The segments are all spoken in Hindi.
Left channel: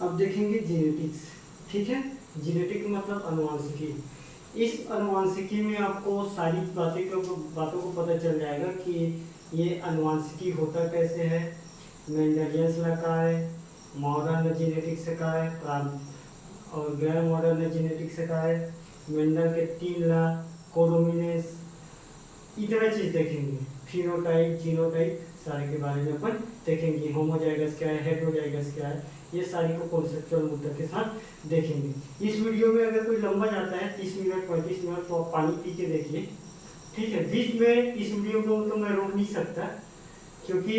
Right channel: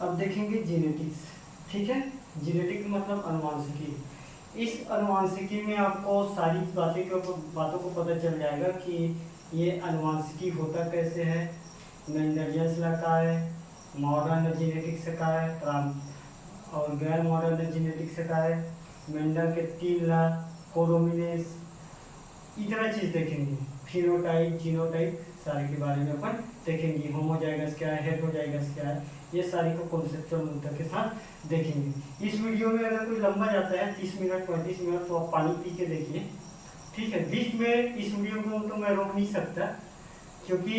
अब देखेंगे जीनेटिक्स। ठीक है, जीनेटिक मतलब अनुवांशिकी। इस अनुवांशिकी में आपको सारी बातों को पता चल जाएगा कि ये अनुवांशिकी होता कैसे है, मेंडेलियंस लॉ का है, मॉडर्न जीनेटिक्स का है और गैर मॉडर्न जीनेटिक्स का है, मेंडल के 3 लॉ, कोडोमिनेस, इतना चीज देखेंगे। फिनोटाइप, जीनोटाइप, सारे के बारे में अपन देखेंगे। होमोजाइगस क्या है, हेटेरोजाइगस क्या है, ये सारी को कॉन्सेप्चुअल मुद्दा के साथ देखेंगे। इस वीडियो में अगर कोई लंबा जाता है 30 मिनट 35 मिनट तो आप पानी पी के देखिए। ठीक है, बीच में इस वीडियो को तो मैं रोक नहीं सकता, क्योंकि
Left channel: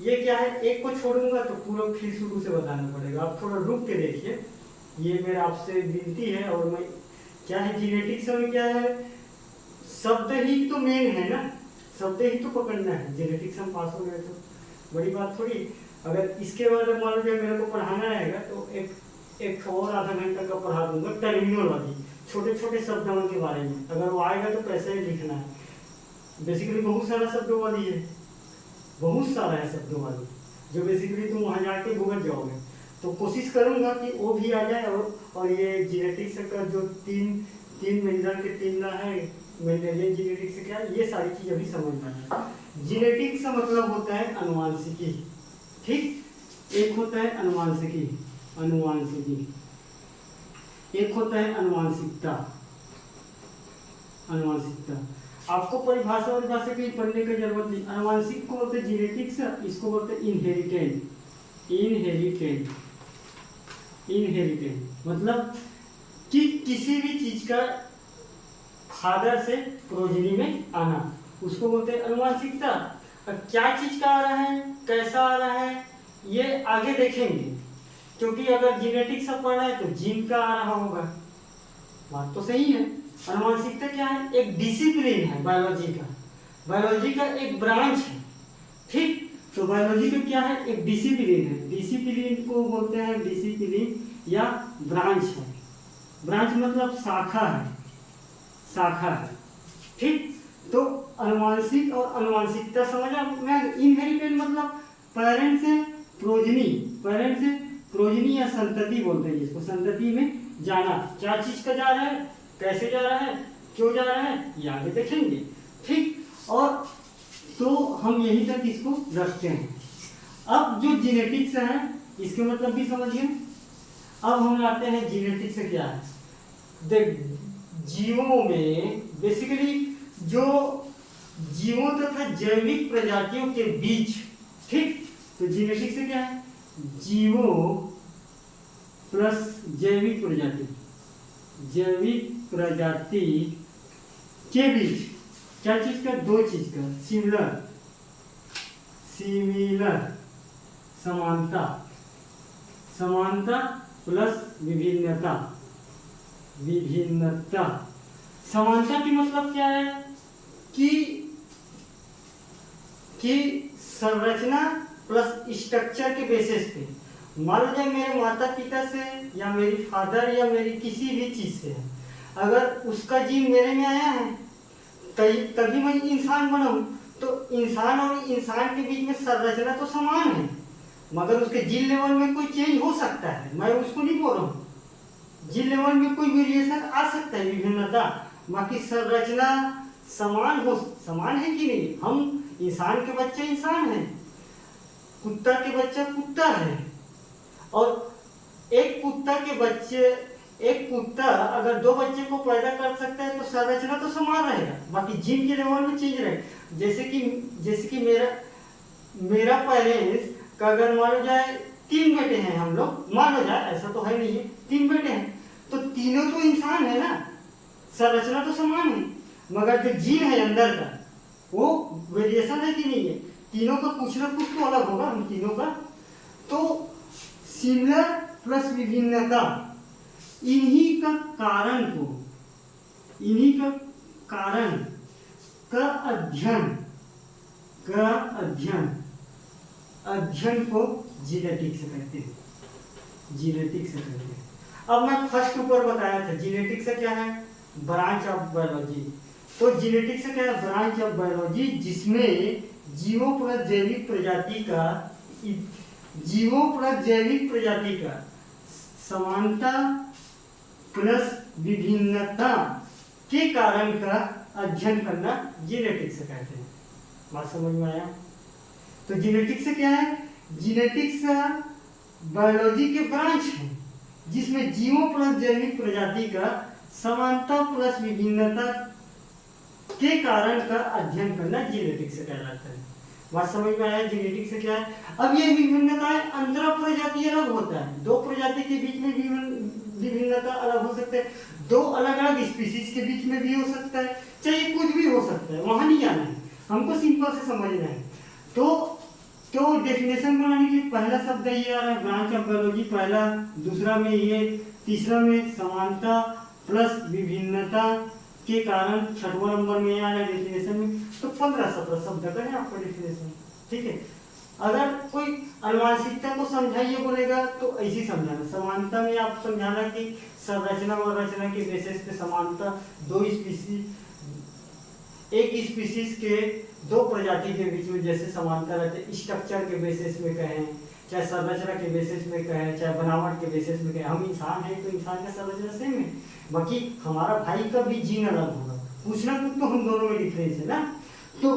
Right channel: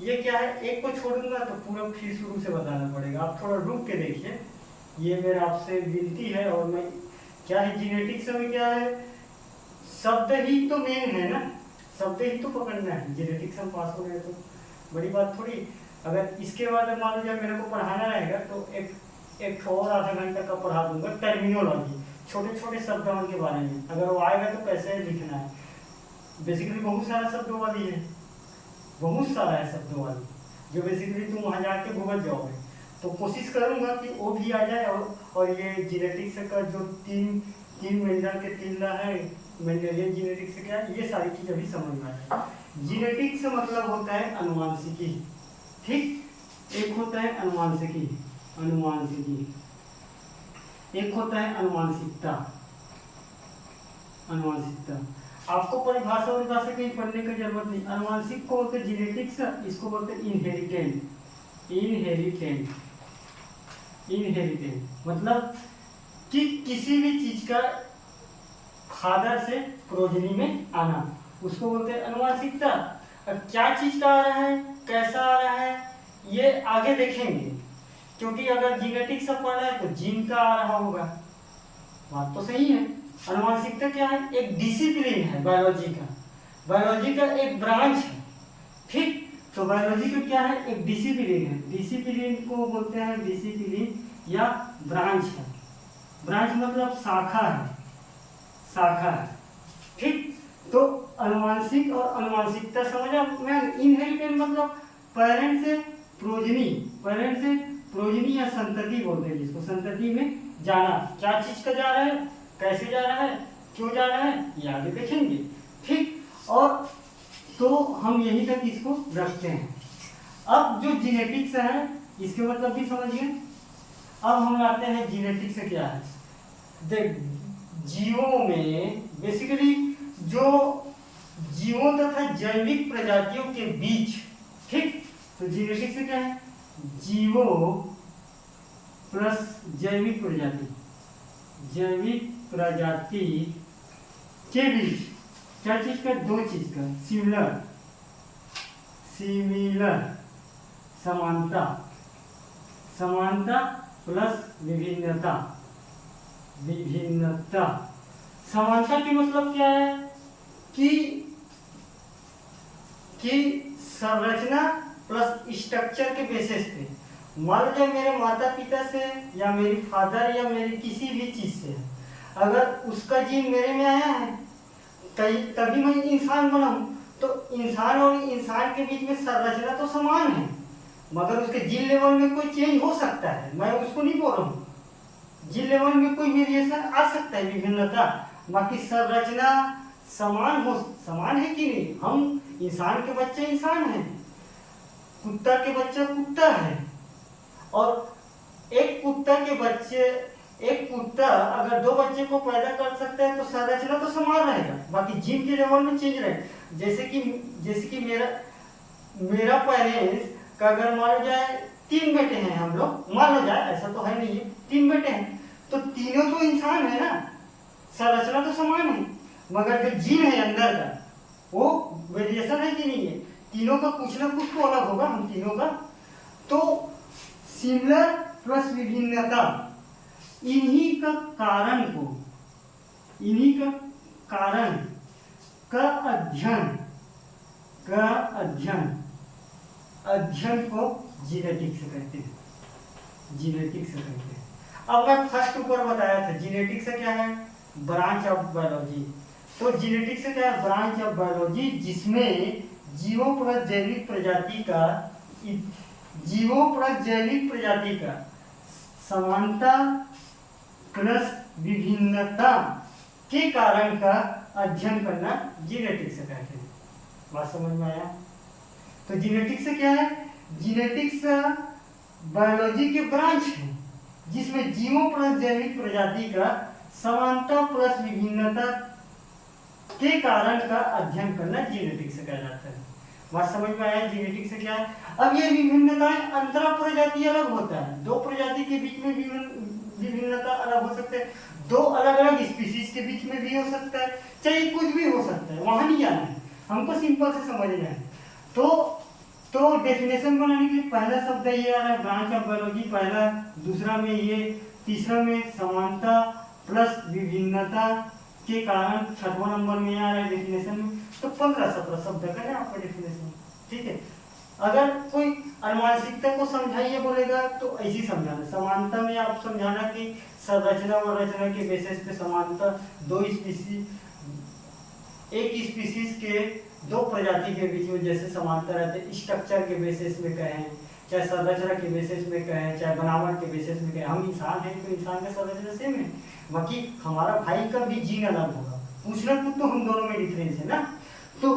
ये क्या है, एक को छोड़ूंगा तो पूरा फिर शुरू से बताना पड़ेगा। आप थोड़ा रुक के देखिए, ये मेरा आपसे विनती है। और मैं क्या है, जीनेटिक्स में क्या है, शब्द ही तो मेन है ना, शब्द ही तो पकड़ना है। जेनेटिक्स हम पास हो गए तो बड़ी बात थोड़ी। अगर इसके बाद मान लो जब मेरे को पढ़ाना रहेगा तो एक और आधा घंटा का पढ़ा दूंगा टर्मिनोलॉजी, छोटे छोटे शब्दों के बारे में। अगर वो आएगा तो कैसे लिखना है, बेसिकली बहुत सारा शब्दों वाली है, बहुत सारा है शब्दों वाली, जो बेसिकली तुम वहाँ जाके गूगल जाओगे। तो कोशिश करूंगा कि वो भी आ जाए। और ये जीनेटिक्स का जो तीन मेंडल के 3 लॉ है, मेंडेलियन जीनेटिक्स क्या है, ये सारी चीज अभी समझना है। जीनेटिक्स का मतलब होता है अनुवांशिकी। ठीक, एक होता है अनुवांशिकी, एक होता है अनुवांशिकता। आपको परिभाषा कहीं पढ़ने की जरूरत नहीं। अनुवांशिक को बोलते जीनेटिक्स, इसको बोलते इनहेरिटेंट मतलब कि किसी भी चीज का फादर से प्रोजनी में आना, उसको बोलते हैं अनुवांशिकता। अब क्या चीज का आ रहा है, कैसा आ रहा है, ये आगे देखेंगे। क्योंकि अगर जीनेटिक्स पढ़ रहा है तो जीन का आ रहा होगा, बात तो सही है। अनुवांशिकता क्या है, एक डिसिप्लिन है बायोलॉजी का एक ब्रांच है। ठीक, तो बायोलॉजी का क्या है, एक डिसिप्लिन है। डिसिप्लिन को बोलते हैं डिसिप्लिन या ब्रांच है। ब्रांच मतलब शाखा है। ठीक, तो अनुवांशिक और अनुवांशिकता समझा। मैं इनहेरिटेंट मतलब पेरेंट से प्रोजनी या संतति बोलते हैं जिसको, संतति में जाना। क्या चीज का जा रहा है, कैसे जा रहा है, क्यों जा रहा है, ये आगे देखेंगे। ठीक, और तो हम यहीं तक इसको रखते हैं। अब जो जीनेटिक्स है इसके मतलब भी समझिए। अब हम आते हैं जीनेटिक्स क्या है। देख, जीवों में बेसिकली जो जीवों तथा जैविक प्रजातियों के बीच, ठीक, तो जीनेटिक्स क्या है, जीवों प्लस जैविक प्रजाति के बीच क्या चीज का, 2 चीज का, सिमिलर समानता प्लस विभिन्नता। समानता की मतलब क्या है कि संरचना प्लस स्ट्रक्चर के बेसिस पे। मान लो जब मेरे माता पिता से या मेरी फादर या मेरी किसी भी चीज से अगर उसका जीन मेरे में आया है तभी मैं इंसान बना हूं। तो इंसान और इंसान के बीच में संरचना तो समान है, मगर उसके जीन लेवल में कोई चेंज हो सकता है। मैं उसको नहीं बोल रहा हूँ, जीन लेवल में कोई वेरिएशन आ सकता है, विभिन्नता। बाकी संरचना समान है कि नहीं। हम इंसान के बच्चे इंसान हैं, कुत्ता के बच्चा कुत्ता है। और एक कुत्ता अगर 2 बच्चे को पैदा कर सकता है तो संरचना तो समान रहेगा, बाकी जीन के लेवल में चेंज रहेगा। जैसे कि मेरा पेरेंट्स का अगर मान लो जाए 3 बेटे हैं हम लोग, मान लो जाए, ऐसा तो है नहीं है, 3 बेटे हैं तो तीनों तो इंसान है ना, संरचना तो समान है, मगर जो जीन है अंदर का वो वेरिएशन है कि नहीं है। तीनों का कुछ ना कुछ तो अलग होगा, हम तीनों का। तो सिमिलर प्लस विभिन्नता, इन्हीं का कारण का अध्ययन को जीनेटिक्स कहते हैं। अब मैं फर्स्ट ऊपर बताया था जीनेटिक्स क्या है, ब्रांच ऑफ बायोलॉजी। तो जीनेटिक्स क्या है, ब्रांच ऑफ बायोलॉजी जिसमें जीवों प्लस जैविक प्रजाति का समानता प्लस विभिन्नता के कारण का अध्ययन करना जीनेटिक्स कहते हैं। बात समझ में आया? तो जीनेटिक्स क्या है? जीनेटिक्स बायोलॉजी के ब्रांच है जिसमें जीवों प्लस जैविक प्रजाति का समानता प्लस विभिन्नता के कारण का अध्ययन करना जीनेटिक्स कहलाता है। बात समझ में आया? जीनेटिक्स क्या है? अब ये विभिन्नताएं अंतरा प्रजाति अलग होता है, दो प्रजाति के बीच में विभिन्नता अलग हो सकते हैं, दो अलग अलग स्पीशीज के बीच में भी हो सकता है, चाहे कुछ भी हो सकता है, वहां नहीं जाना है, हमको सिंपल से समझना है। तो डेफिनेशन बनाने के लिए पहला शब्द ये आ रहा है ब्रांच ऑफ बायोलॉजी, पहला, दूसरा में ये, तीसरा में समानता प्लस विभिन्नता के कारण, छठवां नंबर में आ रहा है डेफिनेशन में। तो 15-17 शब्द का है आपका डेफिनेशन। ठीक है, अगर कोई अनुवांशिकता को समझाइए बोलेगा तो ऐसी समझाना, समानता में आप समझाना कि संरचना और रचना के बेसिस पे समानता, दो स्पीशीज, एक स्पीशीज के दो प्रजाति के बीच में जैसे समानता रहते, स्ट्रक्चर के बेसिस में कहें, चाहे संरचना के बेसिस में कहें, चाहे बनावट के बेसिस में कहें। हम इंसान हैं तो इंसान का संरचना सेम है, बाकी हमारा भाई का भी जीन अलग होगा, पूछना कुछ तो हम दोनों में डिफरेंस है ना। तो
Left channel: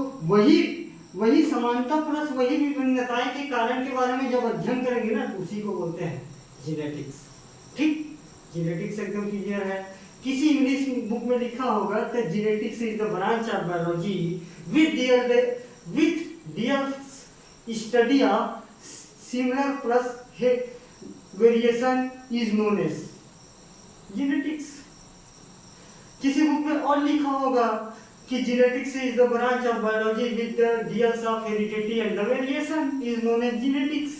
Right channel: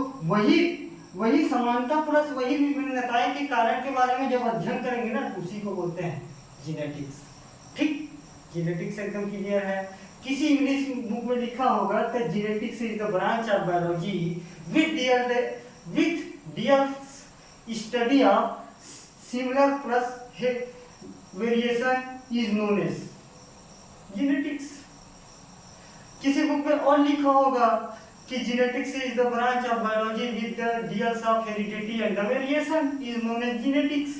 वही समानता प्लस वही विभिन्नताएं के कारण के बारे में जब अध्ययन करेंगे ना तो उसी को बोलते हैं जीनेटिक्स। ठीक, जीनेटिक्स एकदम क्लियर है। किसी इंग्लिश बुक में लिखा होगा तो genetics is the branch of biology with their study of similar plus variation is known as genetics। किसी बुक में और लिखा होगा कि genetics is the branch of biology with the deals of heredity and the variation is known as genetics।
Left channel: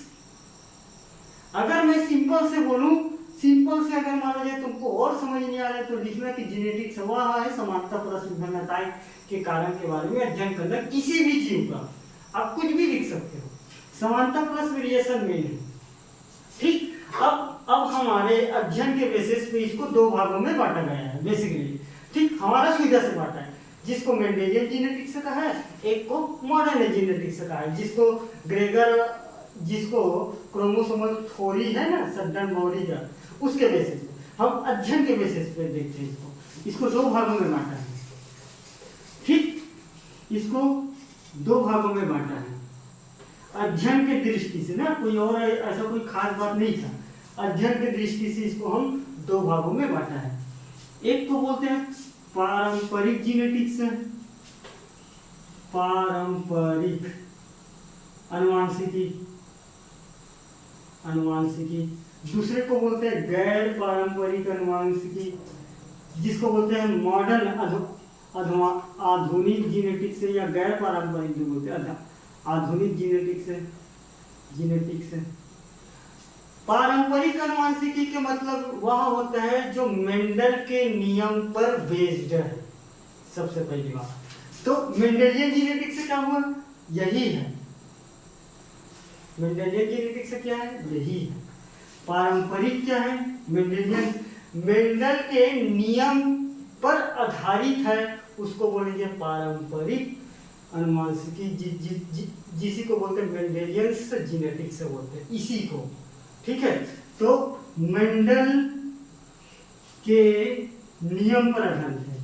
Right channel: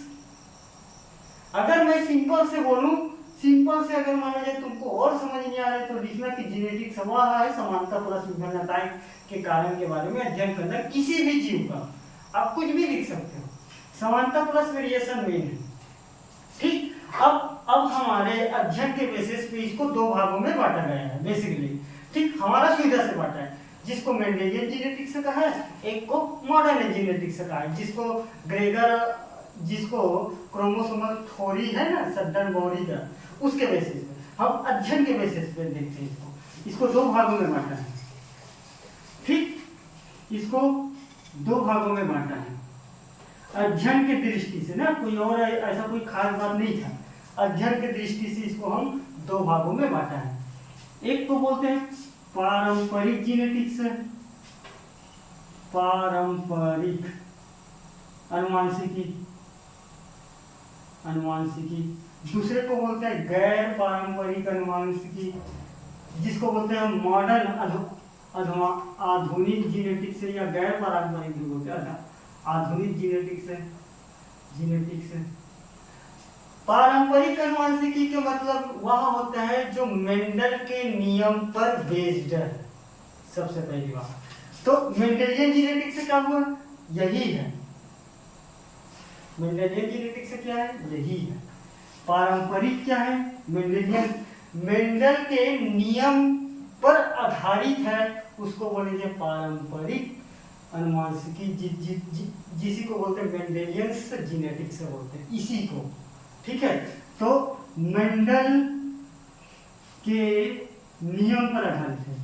अगर मैं सिंपल से बोलूं, सिंपल से अगर माना जाए तुमको और समझ नहीं आ रहा है तो लिखना कि जीनेटिक्स वह है समानता प्लस विभिन्नताएं के कारण के बारे में अध्ययन करना किसी भी जीव का। आप कुछ भी लिख सकते हो, समानता प्लस वेरिएशन मेन है। ठीक, अब हमारे अध्ययन के बेसिस पे इसको दो भागों में बांटा गया है बेसिकली। ठीक, हमारा सुविधा से बांटा है, जिसको मेंडेलियन जीनेटिक्स कहा है, एक को मॉडर्न जीनेटिक्स कहा है, जिसको क्रोमोसोमल थ्योरी है ना सड्डन बॉडी का, उसके बेसिस पे हम अध्ययन के बेसिस पे देखते हैं। इसको दो भागों में बांटा है। ठीक, इसको दो भागों में बांटा है अध्ययन के दृष्टि से ना, कोई और ऐसा कोई खास बात नहीं था, अध्ययन के दृष्टि से इसको हम दो भागों में बांटा है। एक तो बोलते हैं पारंपरिक जीनेटिक्स, पारंपरिक अनुवांशिकी, दूसरे को बोलते हैं गैर पारंपरिक अनुवांशिकी, जिसको बोलते हैं मॉडर्न आधुनिक जीनेटिक्स या गैर पारंपरिक भी बोलते हैं, आधुनिक जीनेटिक्स। पारंपरिक अनुवांशिकी के मतलब वह होता है जो मेंडल के नियम पर बेस्ड है। सबसे पहली बात तो मेंडेलियन जीनेटिक्स क्या हुआ, यही है। मेंडेलियन जीनेटिक्स क्या है, यही है। पारंपरिक क्या है, मेंडेलियन मेंडल के नियम पर आधारित है, उसको बोलेंगे पारंपरिक अनुवांशिकी, जिसी को बोलते हैं मेंडेलियंस जीनेटिक्स बोलते हैं इसी को। ठीक है, तो मेंडल के नियम पर आधारित है,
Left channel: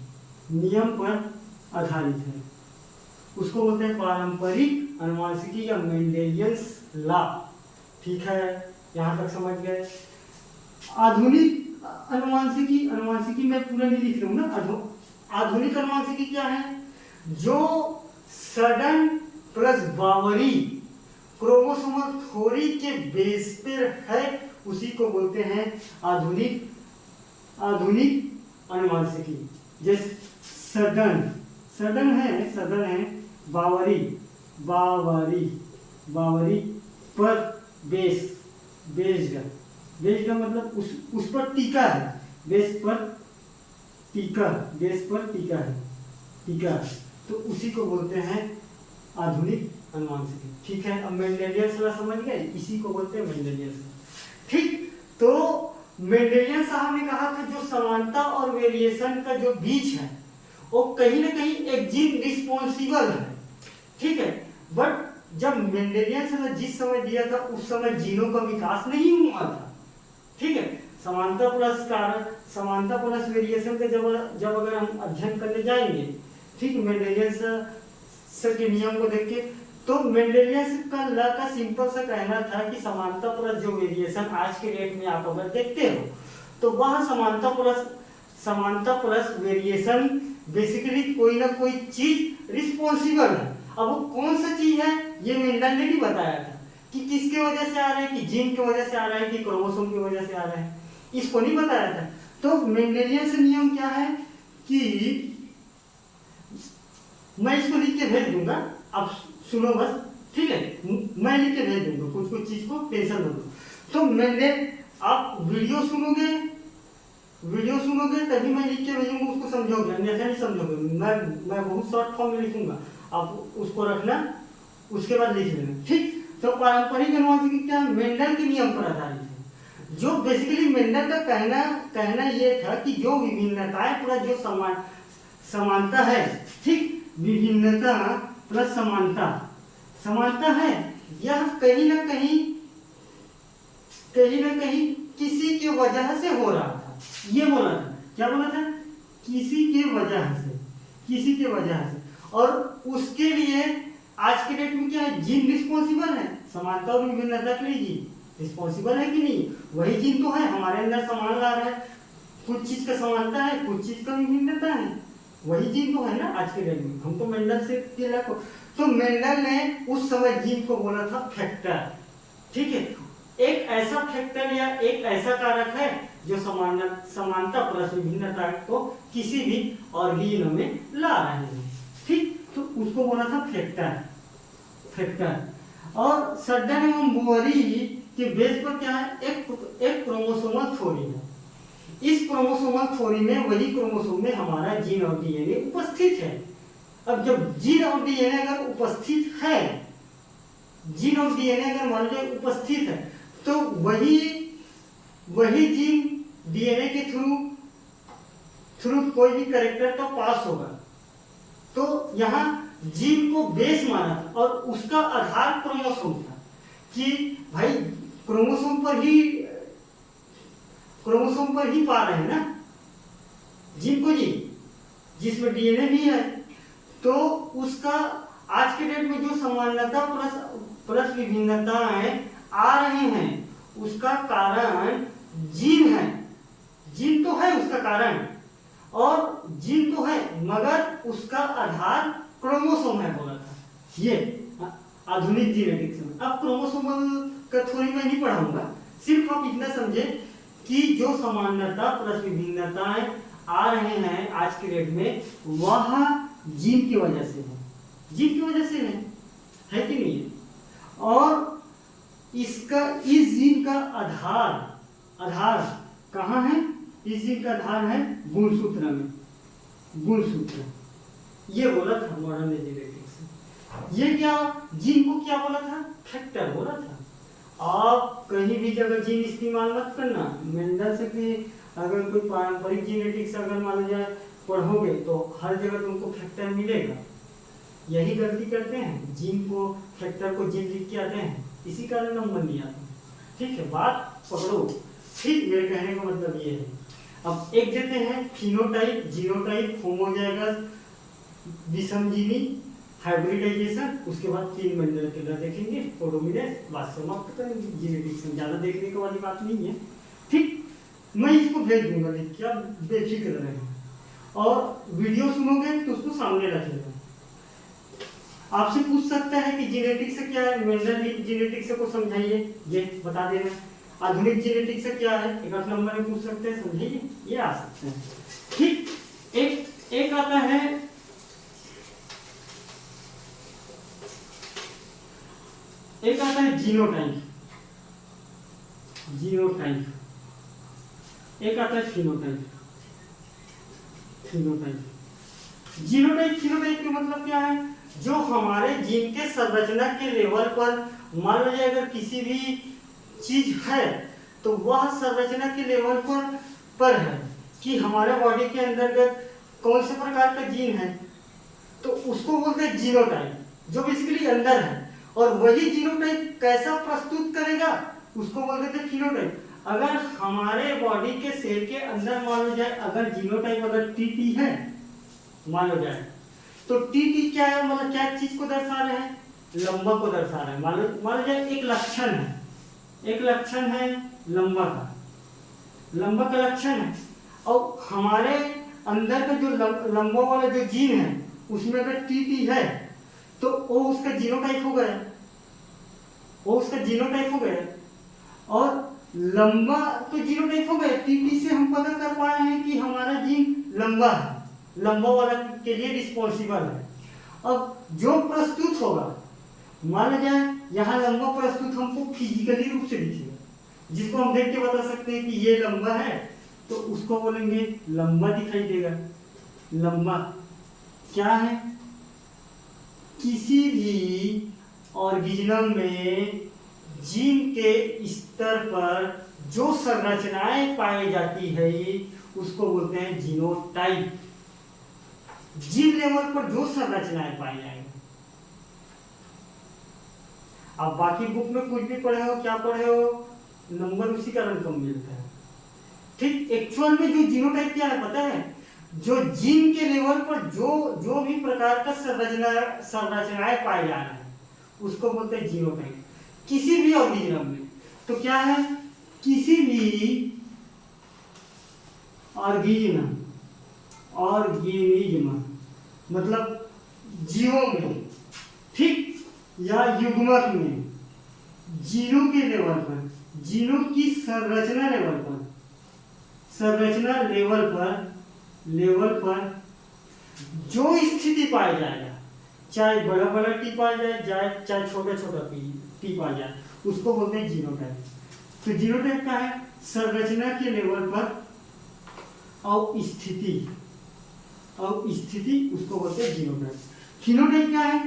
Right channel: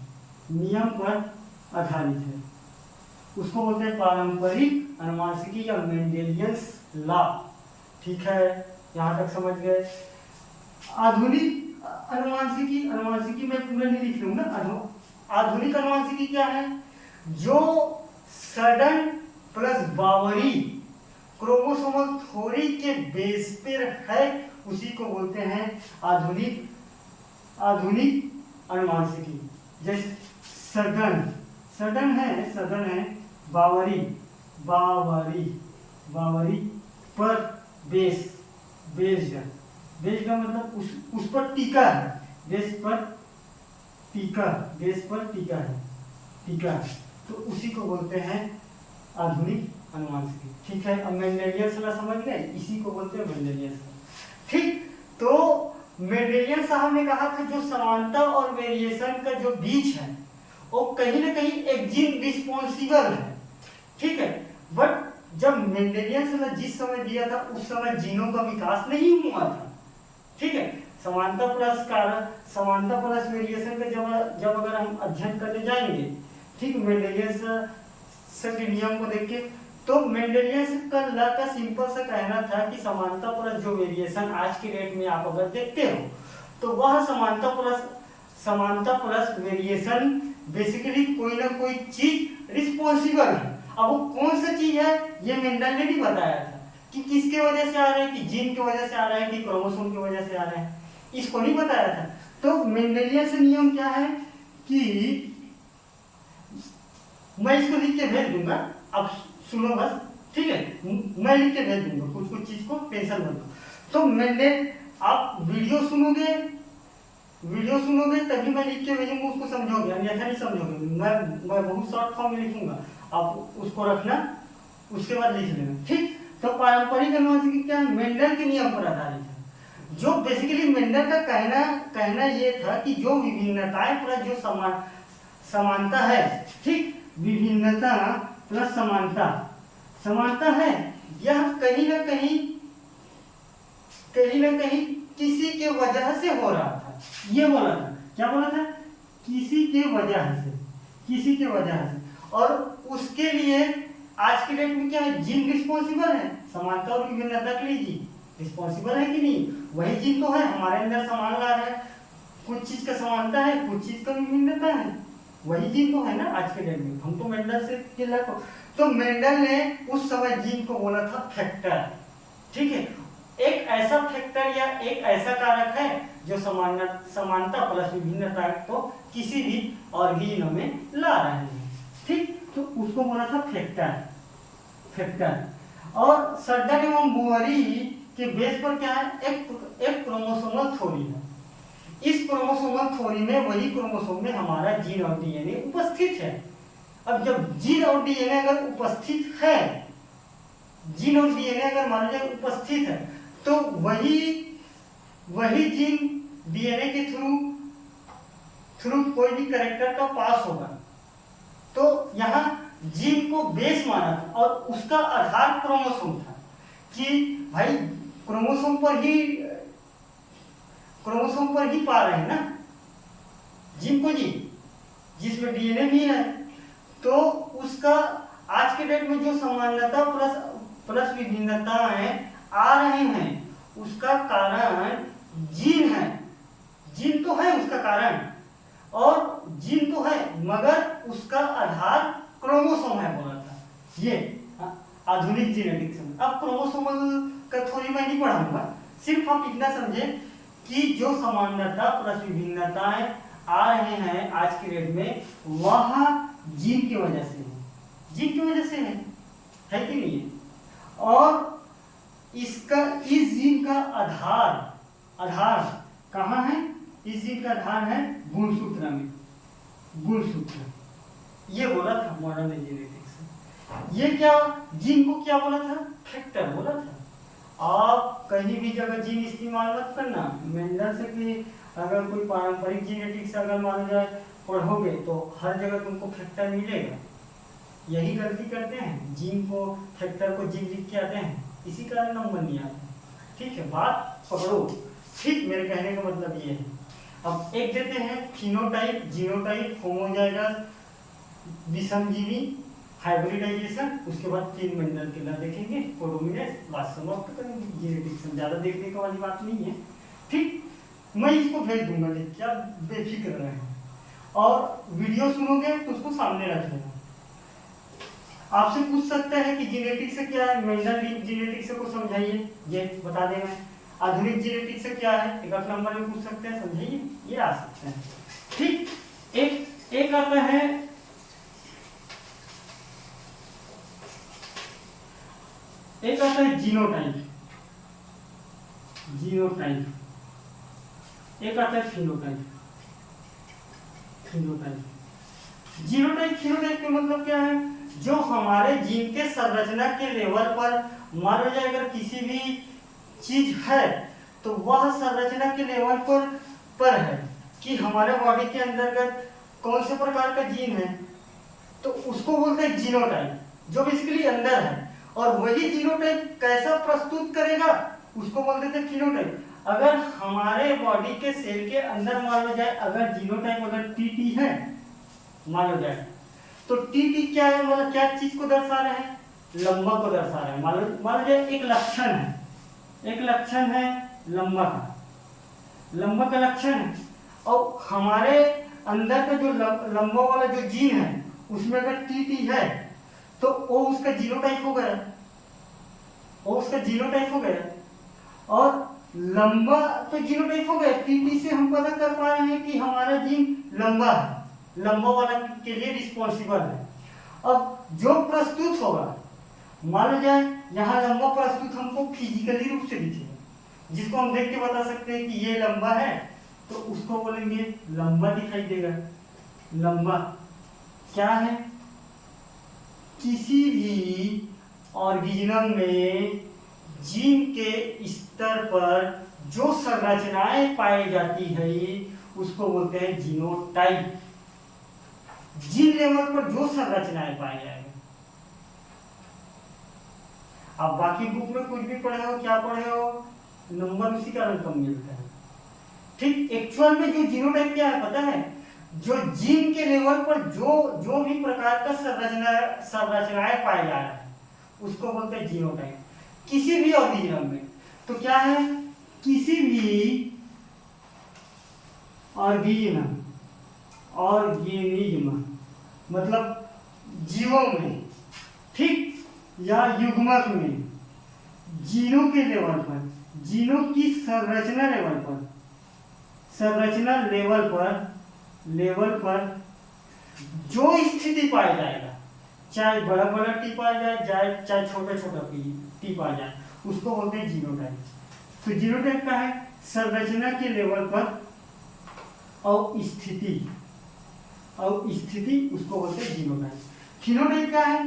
नियम पर आधारित है, उसको बोलते हैं पारंपरिक अनुवांशिकी या मेंडेलियंस लॉ। ठीक है, यहाँ तक समझ गए। आधुनिक अनुवांशिकी मैं पूरा नहीं लिख रहा हूँ ना। आधुनिक अनुवांशिकी क्या है, जो सडन प्लस बावरी क्रोमोसोमल थ्योरी के बेस पर है, उसी को बोलते हैं आधुनिक अनुवांशिकी। जैसे सडन है, बावरी पर बेस्ड का मतलब उस पर टीका है, बेस पर टीका है, तो उसी को बोलते हैं आधुनिक अनुवांशिकी। ठीक है, अब मेंडेलियंस लॉ समझ गए, इसी को बोलते हैं मेंडेलियंस लॉ। ठीक, तो मेंडेलियन साहब ने कहा था जो समानता और वेरिएशन का जो बीच है वो कहीं ना कहीं एक जीन रिस्पॉन्सिबल है। ठीक है, बट जब मेंडेलियन लॉ जिस समय दिया था उस समय जीनों का विकास नहीं हुआ था। ठीक है, समानता प्लस कारण, समानता प्लस वेरिएशन का जब अगर हम अध्ययन करने जाएंगे, ठीक, मेंडेलियंस के नियम को देख के, तो मेंडेलियंस का लॉ का सिंपल सा कहना था कि समानता प्लस जो वेरिएशन आज के डेट में आप अगर देखते हो, तो वह समानता प्लस वेरिएशन बेसिकली कोई ना कोई चीज रिस्पॉन्सिबल है। अब वो कौन सा चीज है ये मेंडल ने भी बताया था कि किसके वजह से आ रहा है, कि जीन की वजह से आ रहा है कि क्रोमोसोम की वजह से आ रहा है, इसको नहीं बताया था। तो मेंडेलियन नियम क्या है कि मैं इसको लिख के भेज दूंगा, अब सुनो बस, ठीक है, मैं लिख के भेज दूंगा कुछ चीज को, टेंशन मत लो। तो मेंडेल, आप वीडियो सुनोगे तभी मैं लिख के भेजूंगा, उसको समझोगे, अन्यथा नहीं समझोगे। मैं बहुत शॉर्ट फॉर्म में लिखूंगा, आप उसको रखना, उसके बाद लिख लेना, ठीक। तो पारंपरिक अनुवांशिकी क्या है, मेंडल के नियम पर आधारित है। जो बेसिकली मेंडल का कहना ये था कि जो विभिन्नताएं प्लस जो समानता है, ठीक, विभिन्नता प्लस समानता है, यह कहीं ना कहीं किसी के वजह से हो रहा था। ये बोला था, क्या बोला था, किसी के वजह से। और उसके लिए आज के डेट में क्या है, जीन रिस्पॉन्सिबल है, समानता और विभिन्नता के लिए जीन रिस्पॉन्सिबल है कि नहीं, वही जीन तो है हमारे अंदर समान ला रहा है, कुछ चीज का समानता है, कुछ चीज का विभिन्नता है, वही जीन तो है ना आज के डेट में। हम तो मेंडल से किला को, तो मेंडल ने उस समय जीन को बोला था फैक्टर, ठीक है, एक ऐसा फैक्टर या एक ऐसा कारक है जो समानता प्लस विभिन्नता को किसी भी ऑर्गेनो में ला रहे हैं, ठीक, तो उसको बोला था फैक्टर। और सर्डन एवं बुअरी के बेस पर क्या है, एक क्रोमोसोमल थ्योरी है। इस क्रोमोसोमल थ्योरी में वही क्रोमोसोम में हमारा जीन और डीएनए उपस्थित है। अब जब जीन और डीएनए अगर उपस्थित है, जीन और डीएनए अगर मान लो उपस्थित है, तो वही जीन डीएनए के थ्रू कोई भी कैरेक्टर का पास होगा। तो यहाँ जीन को बेस माना था और उसका आधार क्रोमोसोम था कि भाई क्रोमोसोम पर ही पा रहे हैं ना जीन को, जी जिसमें डीएनए भी है। तो उसका आज के डेट में जो समानता प्लस विभिन्नताएं आ रहे हैं, उसका कारण जीन है। जीन तो है उसका कारण, और जीन तो है मगर उसका आधार क्रोमोसोम है, बोला था ये आधुनिक जीनेटिक्स में। अब क्रोमोसोमल का थ्योरी मैं नहीं पढ़ाऊंगा, सिर्फ आप इतना समझे कि जो समानता प्लस विभिन्नताएं आ रहे हैं आज के डेट में, वह जीन की वजह से है, जीन की वजह से है कि नहीं है। और इस जीन का आधार कहाँ है, इस जीन का आधार है गुणसूत्र में, गुणसूत्र, ये बोला था मॉडर्न जेनेटिक्स। ये क्या जीन को क्या बोला था, फैक्टर बोला था। आप कहीं भी जगह जीन इस्तेमाल मत करना, मेंडल से कि अगर कोई पारंपरिक जेनेटिक्स अगर मान जाए पढ़ोगे तो हर जगह तुमको फैक्टर मिलेगा। यही गलती करते हैं, जीन को फैक्टर को जीन लिख के आते हैं, इसी कारण नंबर नहीं आते, ठीक है, बात पकड़ो, ठीक, मेरे कहने का मतलब ये है। अब एक देते हैं फिनोटाइप, जीनोटाइप, होमोजाइगस, विषमजीवी, हाइब्रिडाइजेशन, उसके बाद 3 मेंडल के लॉ देखेंगे, कोडोमिनेंस, बात समाप्त करेंगे। जेनेटिक्स में ज़्यादा देखने की वाली बात नहीं है, ठीक, मैं इसको भेज दूंगा लिख के, आप बेफिक्र रहें। और वीडियो सुनोगे तो उसको सामने रख लेना। आपसे पूछ सकता है कि जेनेटिक्स से क्या है, मेंडल जेनेटिक्स को समझाइए, ये बता दे रहे हैं। आधुनिक जेनेटिक्स से क्या है, एक नंबर में पूछ सकते हैं, समझाइए, ये आ सकता है, ठीक। एक आता है जीनोटाइप, एक आता है फिनोटाइप। जीनोटाइप के मतलब क्या है, जो हमारे जीन के संरचना के लेवल पर, मान लो अगर किसी भी चीज है तो वह संरचना के लेवल पर है कि हमारे बॉडी के अंतर्गत कौन से प्रकार का जीन है, तो उसको बोलते हैं जीनोटाइप, जो बेसिकली अंदर है। और वही जीनोटाइप कैसा प्रस्तुत करेगा उसको बोलते थे फिनोटाइप। अगर हमारे बॉडी के सेल के अंदर मान लो जाए अगर जीनोटाइप अगर टीटी है मान लो जाए, तो टीटी क्या है, मतलब क्या चीज को दर्शा रहे हैं, लंबा को दर्शा रहे हैं। मान लो जाए एक लक्षण है लंबा का, लंबा का लक्षण है, और हमारे अंदर का जो लंबा वाला जो जीन है उसमें अगर टीटी है तो वो उसका जीनोटाइप हो गया, वो उसका जीनोटाइप हो गया। और लंबा तो जीनोटाइप हो गया, टीटी से हम पता कर पाए हैं कि हमारा जीन लंबा है, लंबा वाला के लिए रिस्पॉन्सिबल है। अब जो प्रस्तुत होगा, मान लो जाए यहाँ लंबा प्रस्तुत हमको फिजिकली रूप से दिखेगा, जिसको हम देख के बता सकते हैं कि ये लंबा है, तो उसको बोलेंगे लंबा दिखाई देगा। लंबा क्या है, किसी भी ऑर्गेनिज्म में जीन के स्तर पर जो संरचनाएं पाई जाती है उसको बोलते हैं जीनोटाइप। जीन लेवल पर जो संरचनाएं पाई जाएंगी, आप बाकी बुक में कुछ भी पढ़े हो, क्या पढ़े हो, नंबर उसी कारण कम मिलता है। ठीक, एक्चुअल में जो जीनोटाइप क्या है पता है, जो जीन के लेवल पर जो भी प्रकार का संरचनाएं पाई जा रही है उसको बोलते हैं जीनोटाइप किसी भी ऑर्गेनिज्म में। तो क्या है, किसी भी ऑर्गेनिज्म मतलब जीवों में, ठीक, या युग्मक में जीनों के लेवल पर, जीनों की संरचना लेवल पर जो स्थिति पाई जाएगा, चाहे बड़ा बड़ा टी पाया जाए चाहे छोटा छोटा टी पाया जाए, उसको बोलते हैं जीनोटाइप। तो जीनोटाइप का है संरचना के लेवल पर और स्थिति उसको बोलते हैं जीनोटाइप। फिनोटाइप क्या है,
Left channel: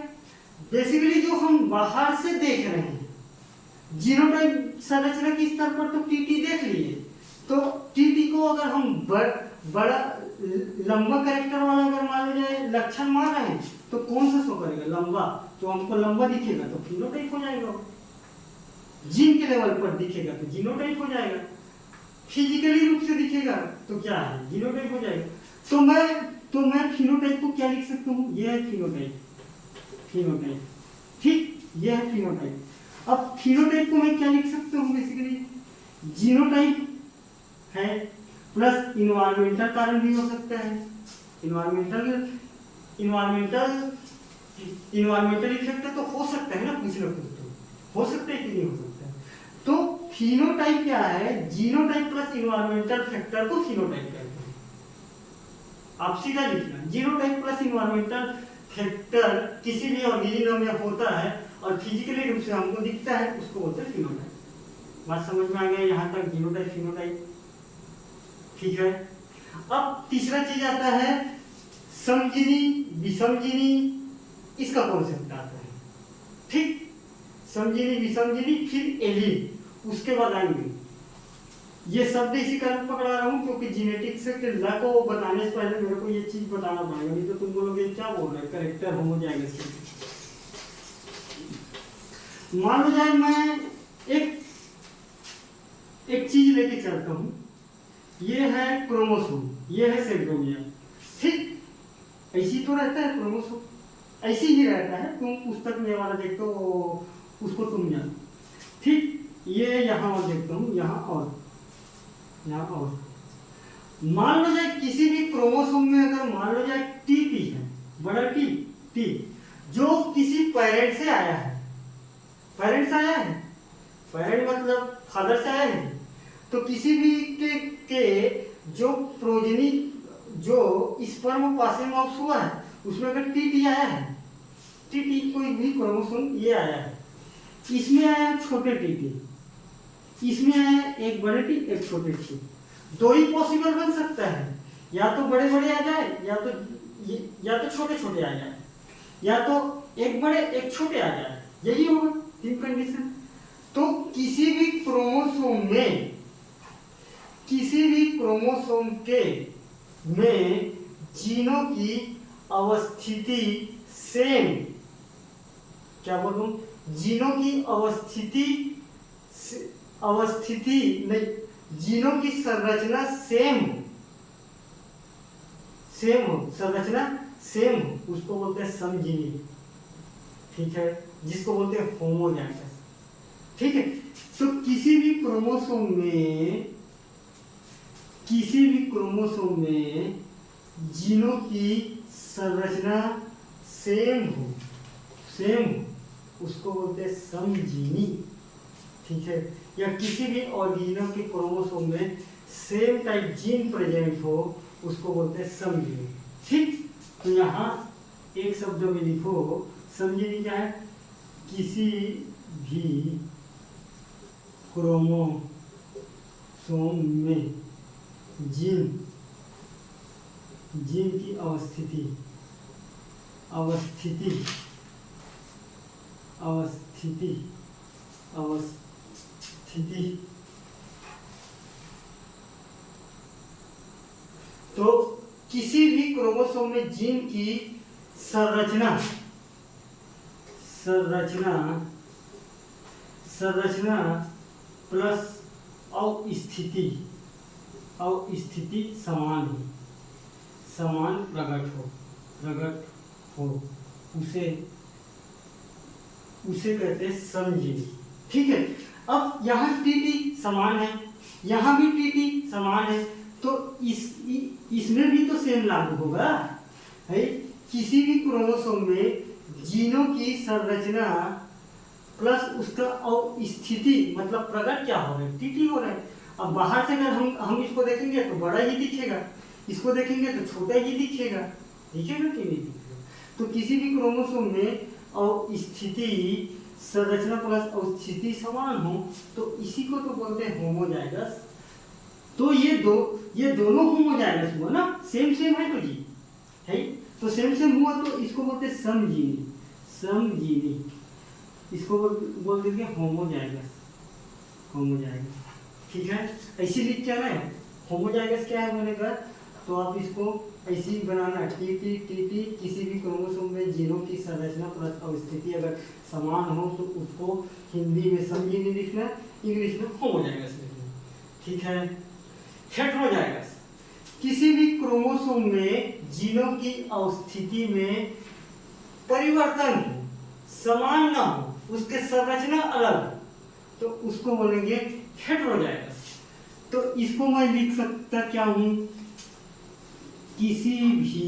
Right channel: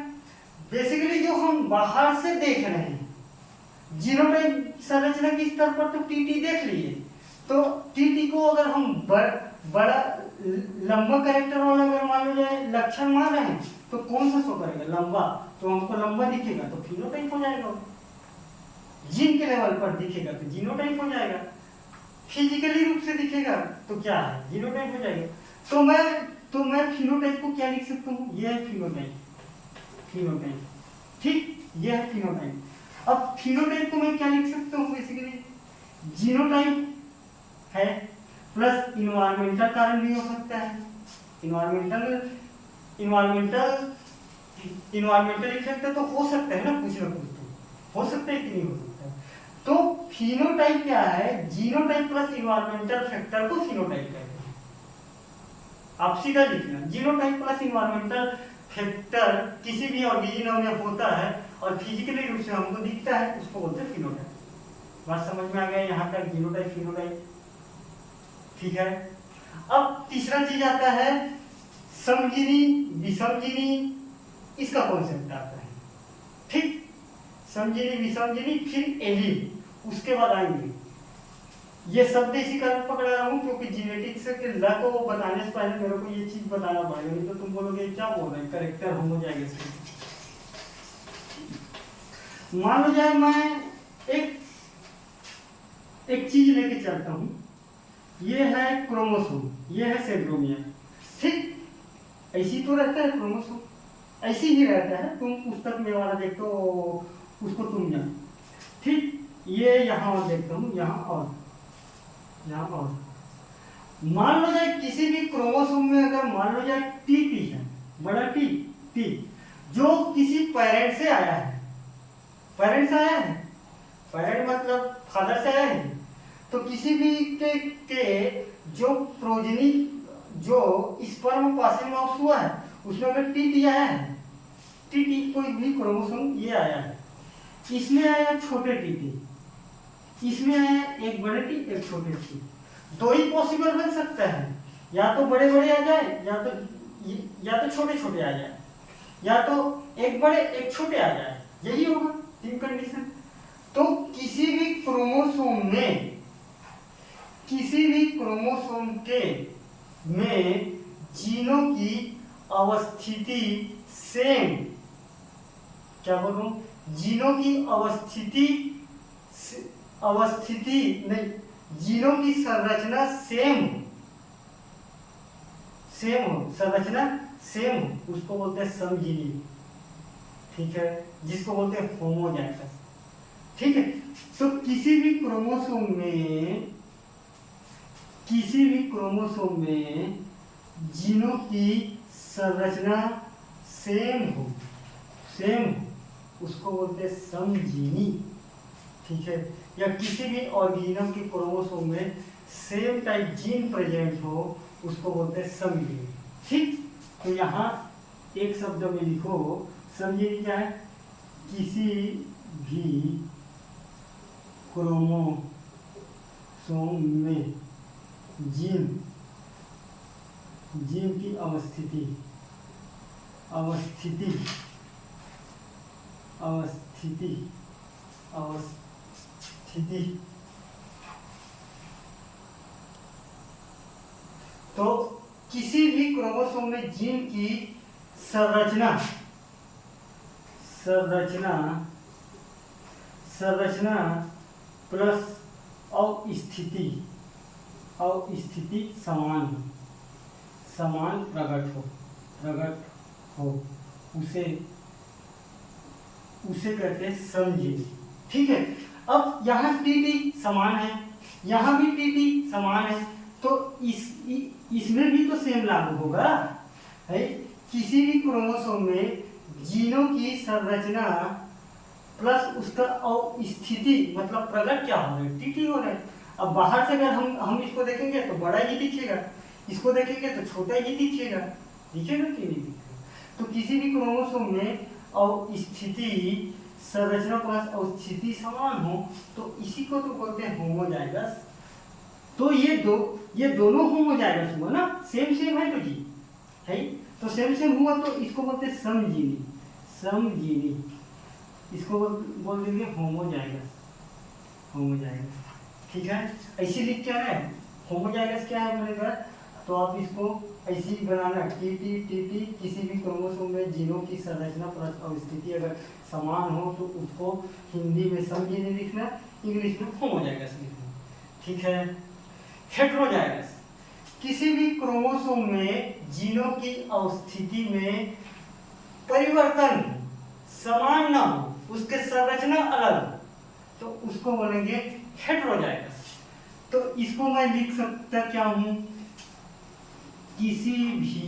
बेसिकली जो हम बाहर से देख रहे हैं। जीनोटाइप संरचना के स्तर पर तो टीटी देख लिए, तो टीटी को अगर हम बड़ा लंबा कैरेक्टर वाला अगर मान लो जाए लक्षण मान रहे हैं, तो कौन सा शो करेगा, लंबा, तो हमको लंबा दिखेगा तो फिनोटाइप हो जाएगा। जीन के लेवल पर दिखेगा तो जीनोटाइप हो जाएगा, फिजिकली रूप से दिखेगा तो क्या है, जीनोटाइप हो जाएगा। तो मैं फिनोटाइप को क्या लिख सकता हूँ, ये है फिनोटाइप, ठीक, ये है फिनोटाइप। अब फिनोटाइप को मैं क्या लिख सकता हूँ, बेसिकली जीनोटाइप है प्लस इन्वायरमेंटल कारण भी हो सकता है, इन्वायरमेंटल इफेक्ट तो हो सकता है ना, कुछ ना कुछ तो हो सकता है कि नहीं हो सकता है। तो फिनोटाइप क्या है, जीनोटाइप प्लस इन्वायरमेंटल फैक्टर को फिनोटाइप कहते हैं। आप सीधा लिखना, जीनोटाइप प्लस इन्वायरमेंटल फैक्टर किसी भी ऑर्गेनिज्म में होता है और फिजिकली रूप से हमको दिखता है, उसको बोलते हैं फिनोटाइप। बात समझ में आ गया यहाँ तक, जीनोटाइप फिनोटाइप, ठीक है। अब तीसरा चीज आता है समजीनी विषमजीनी, इसका कॉन्सेप्ट आता है, ठीक, समजीनी विषमजीनी फिर एलील, उसके बाद आएंगे। ये शब्द इसी कारण पकड़ा रहा हूँ क्योंकि जेनेटिक्स के लॉ को बताने से पहले मेरे को ये चीज बताना पड़ेगा, नहीं तो तुम बोलोगे क्या बोल रहे, करेक्टर हो जाएगा। मान लो जाए मैं एक चीज लेके चलता हूँ, ये है क्रोमोसोम, ये है सेंट्रोमियर, ठीक, ऐसी तो रहता है क्रोमोसोम, ऐसी ही रहता है, तुम पुस्तक में वाला देखते हो उसको तुम जानो, ठीक। ये यहाँ और देखता हूँ, यहाँ और मान लो जाए किसी भी क्रोमोसोम में अगर मान लो जाए टी है, बड़ा टी जो किसी पेरेंट से आया है, पेरेंट मतलब फादर से आया है, तो किसी भी के जो प्रोजेनी जो स्पर्म पासिंग आउट हुआ है उसमें अगर टी आया है, टी कोई भी क्रोमोसोम ये आया है, इसमें आया छोटे टी, इसमें आया एक बड़े टी एक छोटे टी, दो ही पॉसिबल बन सकता है, या तो बड़े बड़े आ जाए या तो छोटे छोटे आ जाए, या तो एक बड़े एक छोटे आ जाए, यही होगा तीन कंडीशन। तो किसी भी क्रोमोसोम के में जीनों की अवस्थिति सेम, क्या बोलूं, जीनों की अवस्थिति नहीं, जीनों की संरचना सेम हो, संरचना सेम हो, उसको बोलते हैं समजीवी। ठीक है, जिसको बोलते हैं होमोजाइगस। ठीक है, तो किसी भी क्रोमोसोम में जीनों की संरचना सेम हो, उसको बोलते हैं समजीवी। ठीक है, या किसी भी ऑर्गेनिज्म के क्रोमोसोम में सेम टाइप जीन प्रेजेंट हो, उसको बोलते हैं समजीवी। ठीक, तो यहाँ एक शब्द में लिखो, समजीवी क्या है? किसी भी क्रोमोसोम में जीन की अवस्थिति तो किसी भी क्रोमोसोम में जीन की संरचना प्लस स्थिति समान प्रकट हो, उसे कहते हैं समजीवी। ठीक है, अब यहाँ टीटी समान है, यहाँ भी टीटी समान है, तो इसमें भी तो सेम लागू होगा है। किसी भी क्रोमोसोम में जीनों की संरचना प्लस उसका स्थिति मतलब प्रकट क्या हो रहा है? टीटी हो रहा है। अब बाहर से अगर हम इसको देखेंगे तो बड़ा ही दिखेगा, इसको देखेंगे तो छोटा ही दिखेगा कि नहीं दिखेगा? तो किसी भी क्रोमोसोम में और स्थिति संरचना प्लस और स्थिति समान हो, तो इसी को तो बोलते हैं होमोजाइगस। तो ये दोनों होमोजाइगस हुआ ना, सेम है तो जी है, तो सेम हुआ, तो इसको बोलते हैं समजीवी। इसको बोल देंगे होमोजाइगस। ठीक है, ऐसे लिख क्या है? होमोजाइगस क्या है बोलेगा, तो आप इसको ऐसे ही बनाना, टीटी किसी भी क्रोमोसोम में जीनों की संरचना प्लस अवस्थिति अगर समान हो, तो उसको हिंदी में समजीवी लिखना, इंग्लिश में होमोजाइगस लिखना। ठीक है, हेटेरोजाइगस, किसी भी क्रोमोसोम में जीनों की अवस्थिति में परिवर्तन हो, समान ना हो, उसके संरचना अलग हो, तो उसको बोलेंगे हेटेरोजाइगस। तो इसको मैं लिख सकता क्या हूं? किसी भी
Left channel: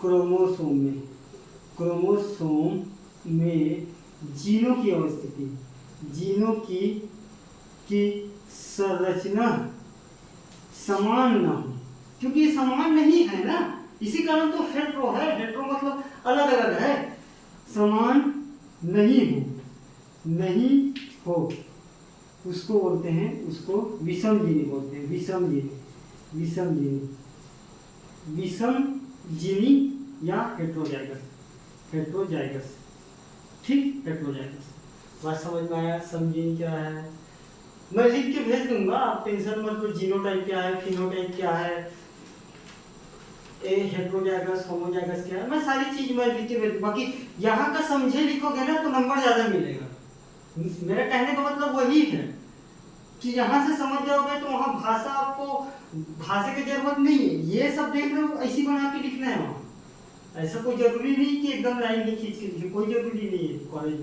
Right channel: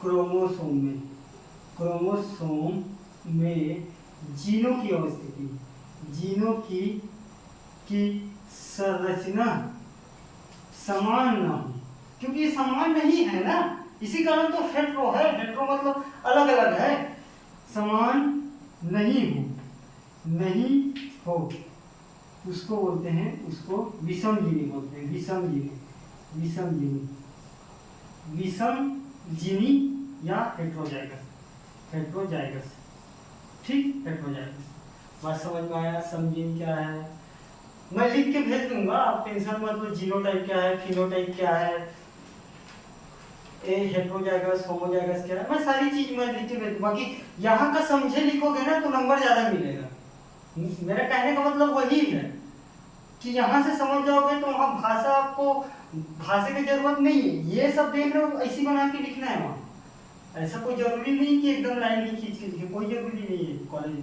क्रोमोसोम में जीनों की अवस्थिति, जीनों की संरचना समान ना हो, क्योंकि ये समान नहीं है ना, इसी कारण तो हेटेरो है। हेटेरो मतलब अलग अलग है, समान नहीं हो, उसको बोलते हैं, उसको विषमजीवी बोलते हैं। विषमजीवी या हेटेरोजाइगस। ठीक, हेटेरोजाइगस। बात समझ में आया? समजीवी क्या है मैं लिख के भेज दूंगा, आप टेंशन मत लो। जीनोटाइप क्या है, फिनोटाइप क्या है, हेटेरोजाइगस, होमोजाइगस क्या है, मैं सारी चीज मैं लिख के भेज दूंगा। बाकी यहाँ का समझे लिखोगे ना तो नंबर ज्यादा मिलेगा। मेरा कहने का मतलब वही है कि यहाँ से समझ जाओगे तो वहाँ भाषा की जरूरत नहीं है। ये सब देख रहे हो, ऐसी बना के लिखना है वहाँ। ऐसा कोई जरूरी नहीं कि एकदम लाइन ही खींच के लिखे, कोई जरूरी नहीं है। कॉलेज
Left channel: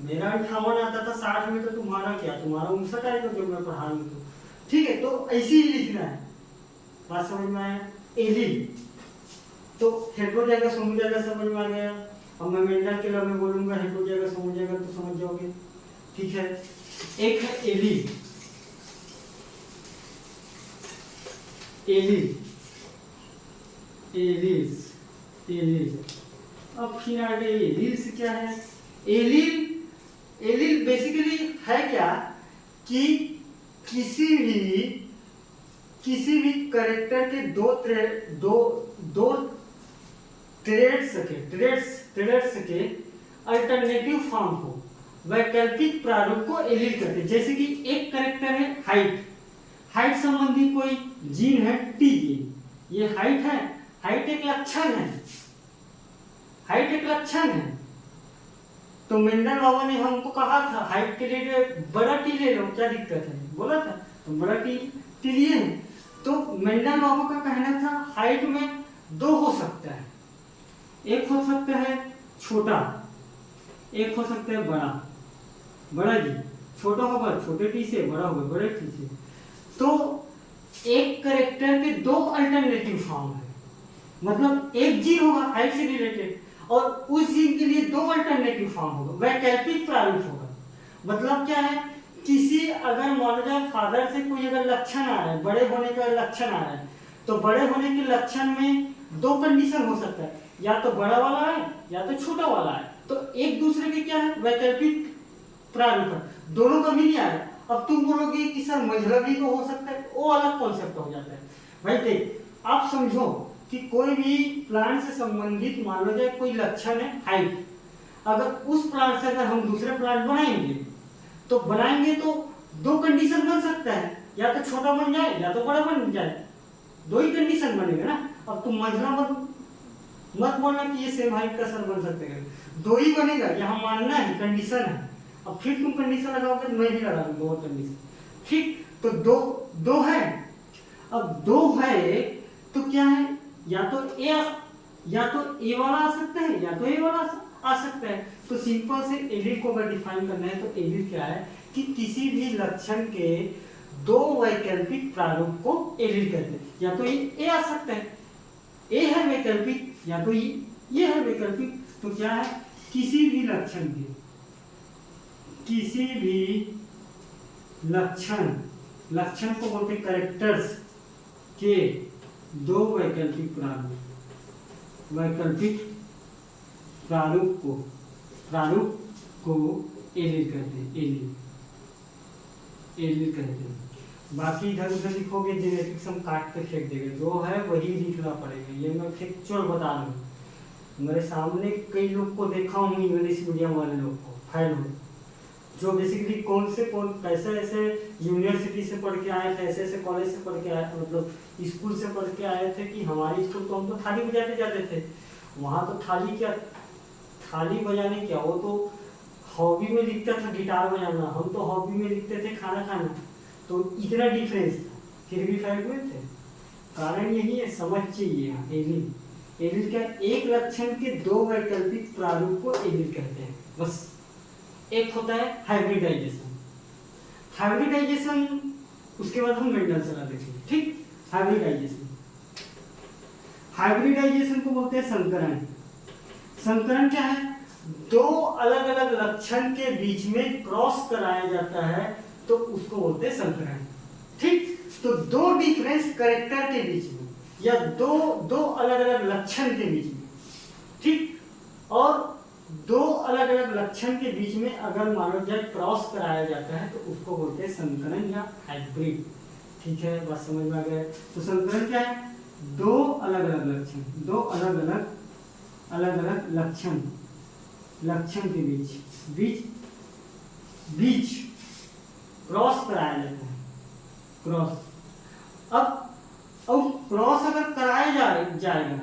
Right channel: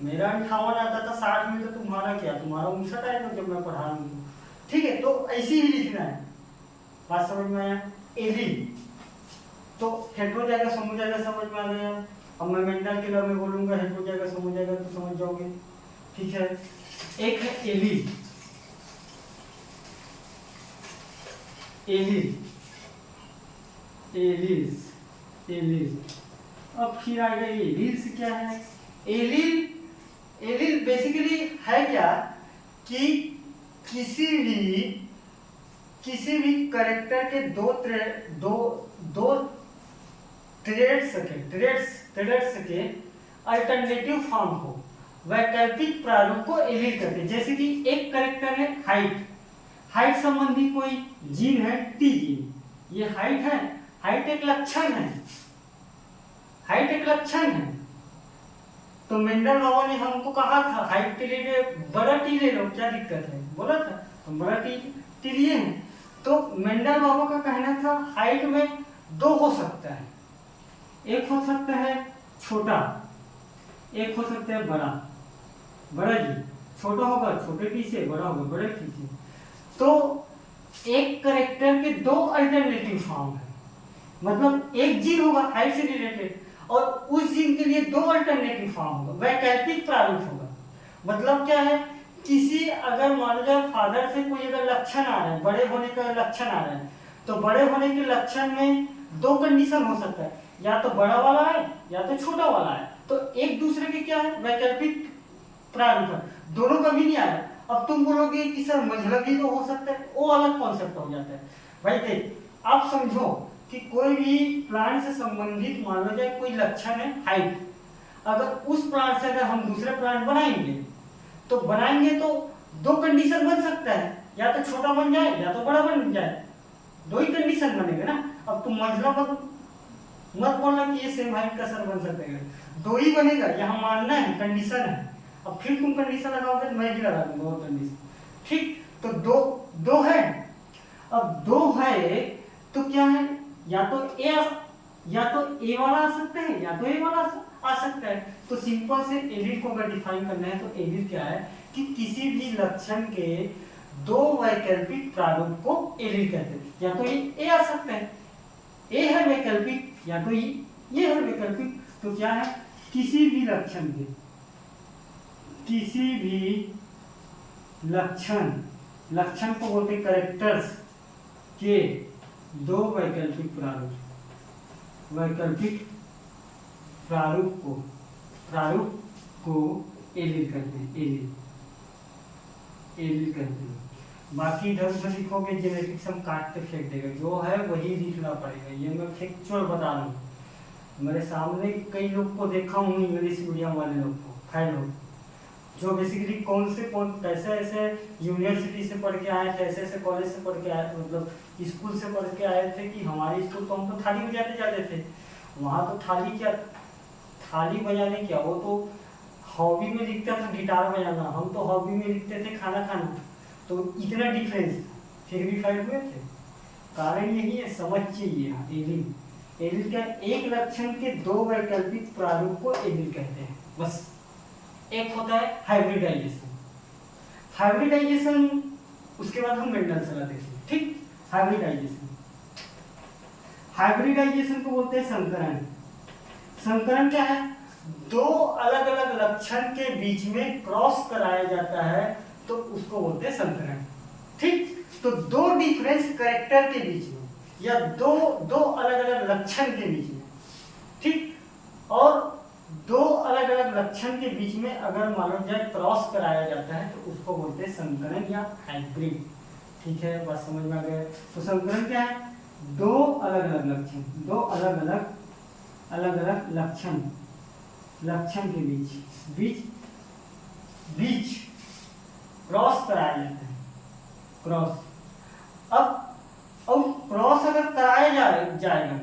मेरा 58 आता था, 60 में, तो तुम्हारा 59 आएगा जब मैं पढ़ा रही हूँ। ठीक है, तो ऐसे ही लिखना है। बात समझ में आया? एलिल तो हेटेरोजाइगस, होमोजाइगस समझ में आ गया। अब मैं मेंडल के लव में बोलूंगा हेटेरोजाइगस, होमोजाइगस, तो समझ जाओगे। ठीक है, एक है एलील। अब फिर आएगा एलील्स। क्या है एलील? बेसिकली है क्या कि किसी भी कैरेक्टर के दो ट्रेड्स के अल्टरनेटिव फॉर्म को, वैकल्पिक प्रारूप को एलील कहते हैं। जैसे कि एक कैरेक्टर है हाइट संबंधी कोई जीन है, टी जीन। ये हाइट एक लक्षण है। तो मेंडल बाबा ने हमको कहा था हाइट के लिए बड़ा टी ले लो, क्या दिक्कत है, बोला था। तो बड़ा टी लिए हैं। तो मेंडल बाबू का कहना था हाइट में दो हो सकता है, एक हो सकता है छोटा, एक हो सकता है बड़ा। बड़ा जी छोटा होगा छोटे टी से, बड़ा होगा बड़े टी से। तो एक करेक्टर के दो अल्टरनेटिव फॉर्म है, मतलब एक जीन होगा हाइट से रिलेटेड और उस जीन के लिए दो अल्टरनेटिव फॉर्म होगा, वैकल्पिक प्रारूप होगा। मतलब क्या है, किसी अगर मान लो जाए फादर से कोई अगर लक्षण आ रहा है, बड़े होने का लक्षण आ रहा है, तो बड़े होने के लक्षण में दो कंडीशन हो सकता है, या तो बड़ा वाला है या तो छोटा वाला है। तो एक दूसरे के क्या है, वैकल्पिक प्रारूप है, दोनों कभी नहीं आ रहे। अब तुम बोलोगे कि सर मंझला भी तो हो सकता है, वो अलग कॉन्सेप्ट हो जाता है। भाई देख आप समझो कि कोई भी प्लांट से संबंधित मान लो जाए कोई लक्षण है हाइट, अगर उस प्लांट से अगर हम दूसरे प्लांट बनाएंगे तो दो कंडीशन बन सकता है, या तो छोटा बन जाए या तो बड़ा बन जाए, दो ही कंडीशन बनेगा ना। अब तुम मंझला मत बोलना कि ये सेम हाइट का सर बन सकते हैं, दो ही बनेगा, यहाँ मानना है कंडीशन है। अब फिर तुम कंडीशन लगाओगे तो मैं भी लगा दूंगा वो कंडीशन, ठीक। तो दो है, अब दो है तो क्या है, या तो ए वाला आ सकता है या तो ए वाला आ सकता है। तो सिंपल से एलिल को अगर डिफाइन करना है तो एलिल क्या है कि किसी भी लक्षण के दो वैकल्पिक प्रारूप को एलिल कहते हैं। या तो ए आ सकता है, ए है वैकल्पिक, या तो ये है वैकल्पिक। तो क्या है, किसी भी लक्षण को बोलते कैरेक्टर्स के दो वैकल्पिक प्रारूप को एलिल कहते हैं, एलिल कहते हैं। बाकी इधर उधर लिखोगे जेनेटिक्स हम काट के फेंक देगा, जो है वही लिखना पड़ेगा। ये मैं फैक्चुअल बता दूं, मेरे सामने कई लोग को देखा हूँ इंग्लिश मीडियम वाले लोग को, फैल हो, जो बेसिकली कैसे ऐसे यूनिवर्सिटी से पढ़ के आए थे, ऐसे कॉलेज से पढ़ के आए थे, मतलब स्कूल से पढ़ के आए थे कि हमारे स्कूल तो हम तो थाली बजाते जाते थे, वहाँ तो थाली बजाने क्या, वो तो हॉबी में लिखता था गिटार बजाना, हम तो हॉबी में लिखते थे खाना खाना। तो इतना डिफरेंस था, फिर भी फैल हुए थे। कारण यही है, समझ चाहिए। एलिल क्या, एक लक्षण के दो वैकल्पिक प्रारूप को एलिल कहते हैं, बस। एक होता है हाइब्रिडाइजेशन, उसके बाद हम मेंडल सलाह देखेंगे, ठीक। हाइब्रिडाइजेशन को बोलते हैं संकरण। संकरण क्या है, दो अलग अलग लक्षण के बीच में क्रॉस कराया जाता है, तो उसको बोलते हैं संकरण, ठीक। तो दो डिफरेंस कैरेक्टर के बीच में या दो अलग अलग लक्षण के बीच में, ठीक, और दो अलग अलग लक्षण के बीच में अगर मान लो जाए क्रॉस कराया जाता है तो उसको बोलते हैं संकरण या हाइब्रिड, ठीक है। बात समझ में आ गया। तो संकरण क्या है, दो अलग अलग लक्षण के बीच क्रॉस कराया जाता है, क्रॉस। अब क्रॉस अगर कराया जाएगा,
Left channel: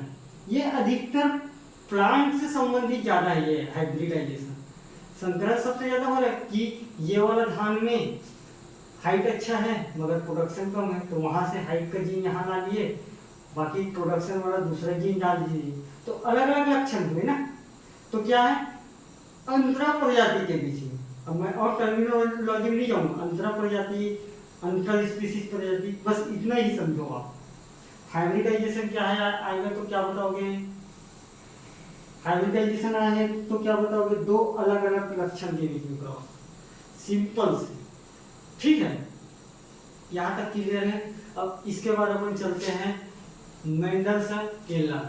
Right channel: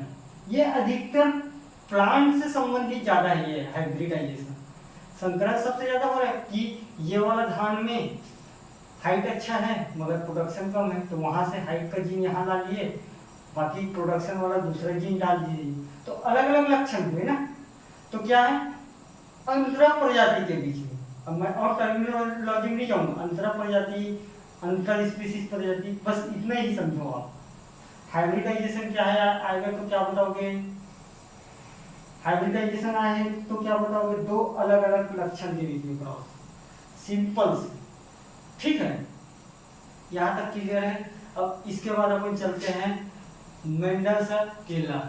ये अधिकतर प्लांट से संबंधित ज्यादा है, ये हाइब्रिडाइजेशन। संकरण सबसे ज्यादा हो रहा है कि ये वाला धान में हाइट अच्छा है मगर प्रोडक्शन कम है, तो वहां से हाइट का जीन यहाँ ला लिए, बाकी प्रोडक्शन वाला दूसरा जीन डाल दीजिए, तो अलग अलग लक्षण हुए ना। तो क्या है, अंतरा प्रजाति के बीच में, अब मैं और टर्मिनोलॉजी में नहीं जाऊंगा, अंतरा प्रजाति, अंतर स्पीसीज प्रजाति, बस इतना ही समझो आप। हाइब्रिडाइजेशन क्या है आएगा तो क्या बताओगे, हाइब्रिडाइजेशन आए तो क्या बताओगे, दो अलग अलग लक्षण के बीच में क्रॉस, सिंपल से, ठीक है। यहाँ तक क्लियर है। अब इसके बाद अपन चलते हैं मेंडल सा केला।